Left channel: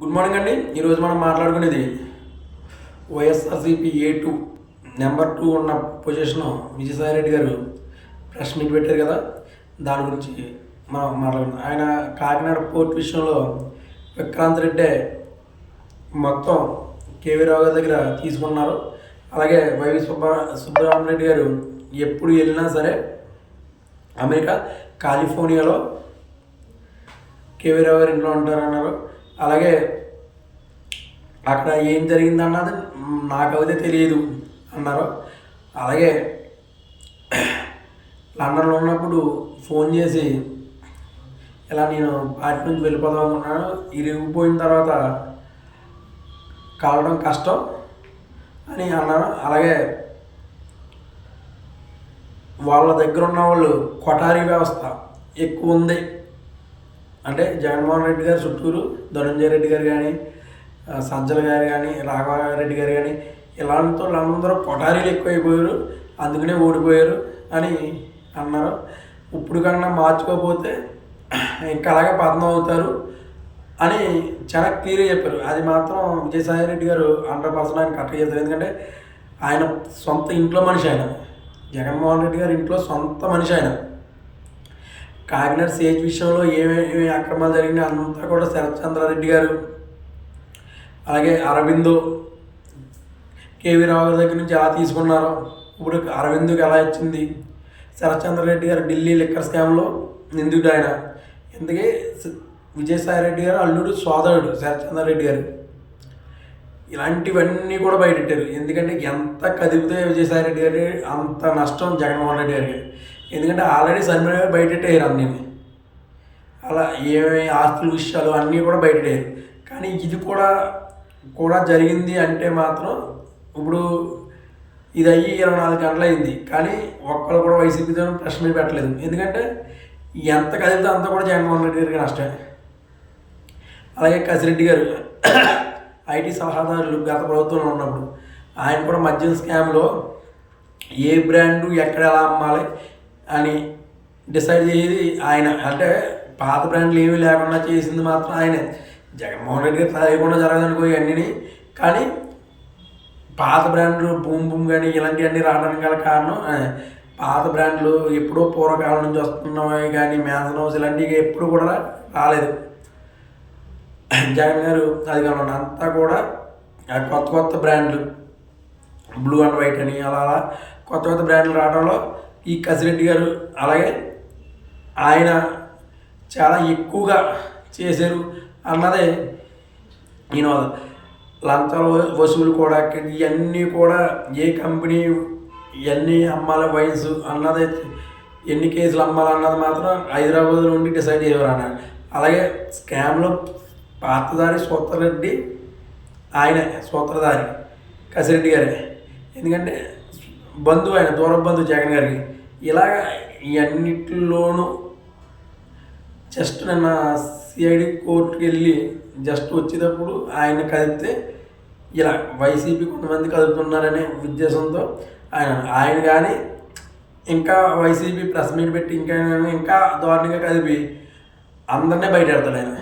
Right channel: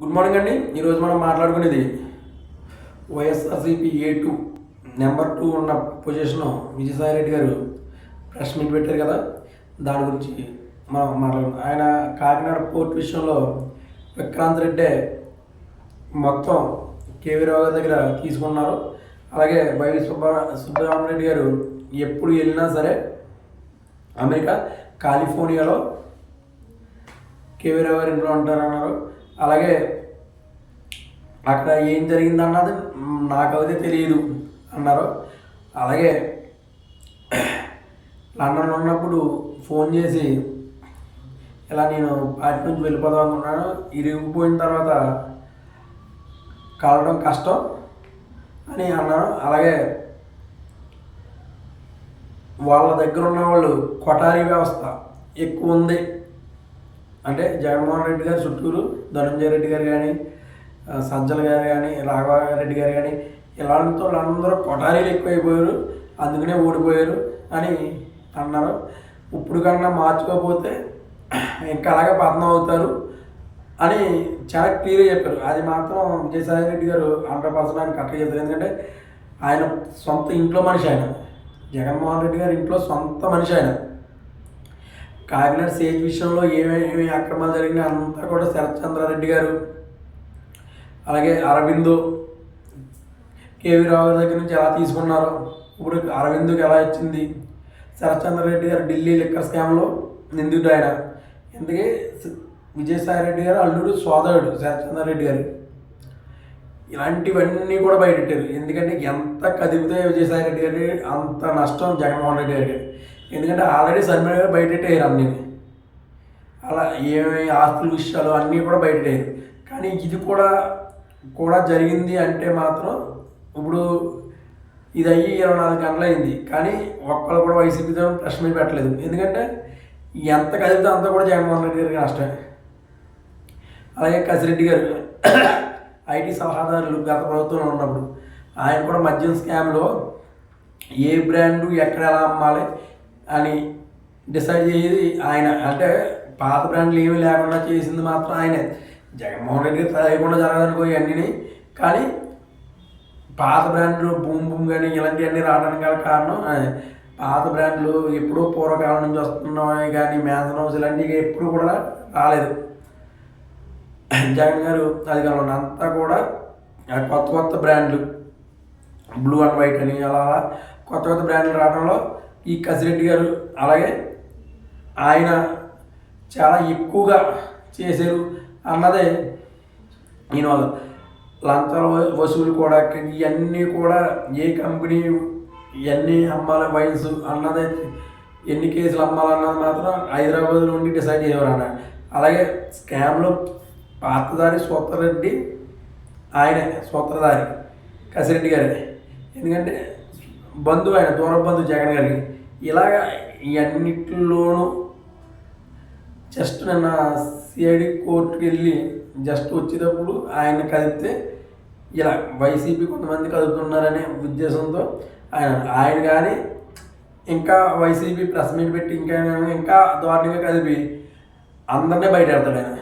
Good morning అండి. ఈరోజు మనం మాట్లాడుకునేది YSRCP A two number two ఉన్న position Vijayasai Reddy garu press meet పెట్టారు కదా. దాని గురించి మనం మాట్లాడుకున్నాం ఆయన కాకినాడ పోర్ట్ విషయంలో విక్రాంత్ రెడ్డే మొత్తం కేవీ రావు గారి దగ్గర తీసుకున్నారు. అలాగే వైవి సుబ్బారా సుబ్రహ్మణ్య రెడ్డి గారు ఎప్పుడు వెళ్ళినా సరే అమెరికా కాలిఫోర్నియాలో కేవీ రావు గారు ఇంట్లో ఉంటారన్నారు. అలాగే అక్కడ ఏం జరిగిందన్నది నాకైతే తెలియదు అన్నారు. అలాగే లండన్లో ఉన్నప్పుడు ఫోన్ చేసి ఇలా నేను పార్టీ నుంచి వెళ్ళిపోదాం అనుకున్నాను. ఇరిగిపోయిన తర్వాత కలవడం కష్టం అని అన్నాను. అలాగే వాళ్ళ దగ్గర ఉన్న వాళ్ళు కొటారీ వ్యవస్థ ఎక్కువ ఉంది. అంటే జగన్మోహన్ రెడ్డి గారు చుట్టూరు ధనంజయ రెడ్డి గారు కానీ సజ్జల గారు కానీ రాఘవారెడ్డి గారు కానీ ఇలాంటి వాళ్ళందరూ పొటారీలు ఎక్కువైపోయారు అందుకనే ఓడిపోయారు అని అన్నారు. ఇప్పుడు కన్నా మార్చుకోకపోతే ఇంకా అలాగే పతనం అవుతారు అని చాలా క్లియర్గా చెప్పారు. అది మాత్రం విజయసాయి రెడ్డి గారు హండ్రెడ్ పర్సెంట్ ఆయన కరెక్ట్గా చెప్తారు. ఎందుకంటే ఆయన సొంత ఇంట్లో మనిషి ఆయన. జగన్మోహన్ రెడ్డి గారు ఇంట్లో సొంత మనిషి ఆయన. కాకినాడ సేజ్ విషయంలో ఏమేమి అక్రమాలు జరిగినాయి అంతా కూడా శరత్ చంద్రారెడ్డి గారు. అలాగే అరవిందు కేవీ రావు గారి దగ్గర నుంచి ఎలా తీసుకున్నారో ఇప్పుడు అరవిందుకి ఎలా ఇచ్చింది? శరత్ చంద్రారెడ్డి గారు ఢిల్లీ లిక్కర్ స్కామ్లో నిందితుడు ఆయన. ఎందుకే విజయసాయి రెడ్డి గారు అల్లుడు సోదరుడు శరత్ చంద్రారెడ్డి గారు. ఇలాంటివన్నీ కూడా బయటెట్టారు. ఎందుకంటే ఎంత కదిపితే విజయసాయి రెడ్డి గారి అంత నష్టం జగన్మోహన్ రెడ్డి గారికి. ఎందుకంటే ఆల్రెడీ శర్మిల గారు బయటెట్టారు అన్నీ. అలా ఏమేమి ఆస్తుల విషయాలు అన్నీ కూడా బయటెట్టారు కానీ ఇది కూడా కూడా జరిగింది అంటే మాత్రం ఇప్పుడు ఇది అయ్యి ఇరవై నాలుగు గంటలు అయింది కానీ ఒక్కళ్ళు కూడా వైసీపీతో ప్రశ్న మీద పెట్టలేదు. ఎందుకంటే ఎంత కదిలితే అంత కూడా జగన్మోహన్ రెడ్డి గారికి నష్టమే. అలాగే కసిరెడ్డి గారు ఐటీ సలహాదారులు గత ప్రభుత్వంలో ఉన్నప్పుడు ఆయన కూడా మద్యం స్కామ్లో ఏ బ్రాండు ఎక్కడ ఎలా అమ్మాలి అని డిసైడ్ చేసేది ఆయన. అంటే పాత బ్రాండ్లు ఏమీ లేకుండా చేసింది మాత్రం ఆయనే. జగన్మోహన్ రెడ్డి గారు తెలియకుండా జరగదనుకో ఇవన్నీ కానీ పాత బ్రాండ్లు బూమ్ బూమ్ కానీ ఇలాంటివన్నీ రావడానికి గల కారణం పాత బ్రాండ్లు ఎప్పుడో పూర్వకాలం నుంచి వస్తున్నాయి కానీ మ్యాన్సన్ హౌస్ ఇలాంటివి ఎప్పుడు కూడా రాలేదు. జగన్ గారు అధికారంలో కానీ అంతా కూడా ఆ కొత్త కొత్త బ్రాండ్లు బ్లూ అండ్ వైట్ అని అలా అలా కొత్త కొత్త బ్రాండ్లు రావడంలో ఈ కసిరెడ్డి గారు అలాగే ఆయన చాలా ఎక్కువగా చేశారు అన్నదే నేను లంచాల వసూలు కూడా ఇవన్నీ కూడా ఏ కంపెనీ ఇవన్నీ అమ్మాలి వైన్స్ అన్నది ఎన్ని కేసులు అమ్మాలన్నది మాత్రం హైదరాబాద్లో ఉండి డిసైడ్ చేసేవారు అన్న అలాగే స్కామ్లో పాతదారి సూత్రరెడ్డి ఆయనే సూత్రధారి కసిరెడ్డి గారే. ఎందుకంటే బంధువు ఆయన దూర బంధువు జగన్ గారికి ఇలాగ ఇవన్నిటిలోనూ జస్ట్ నిన్న సిఐడి కోర్టుకి వెళ్ళి జస్ట్ వచ్చేటప్పుడు ఆయన కదిపితే ఇలా వైసీపీ కొంతమంది కదుపుతున్నారనే ఉద్దేశంతో ఆయన ఆయన కానీ ఇంకా వైసీపీ ప్రెస్ మీట్ పెట్టి ఇంకా ఇంకా దారుణంగా కదిపి అందరినీ బయట పెడతాడు ఆయన.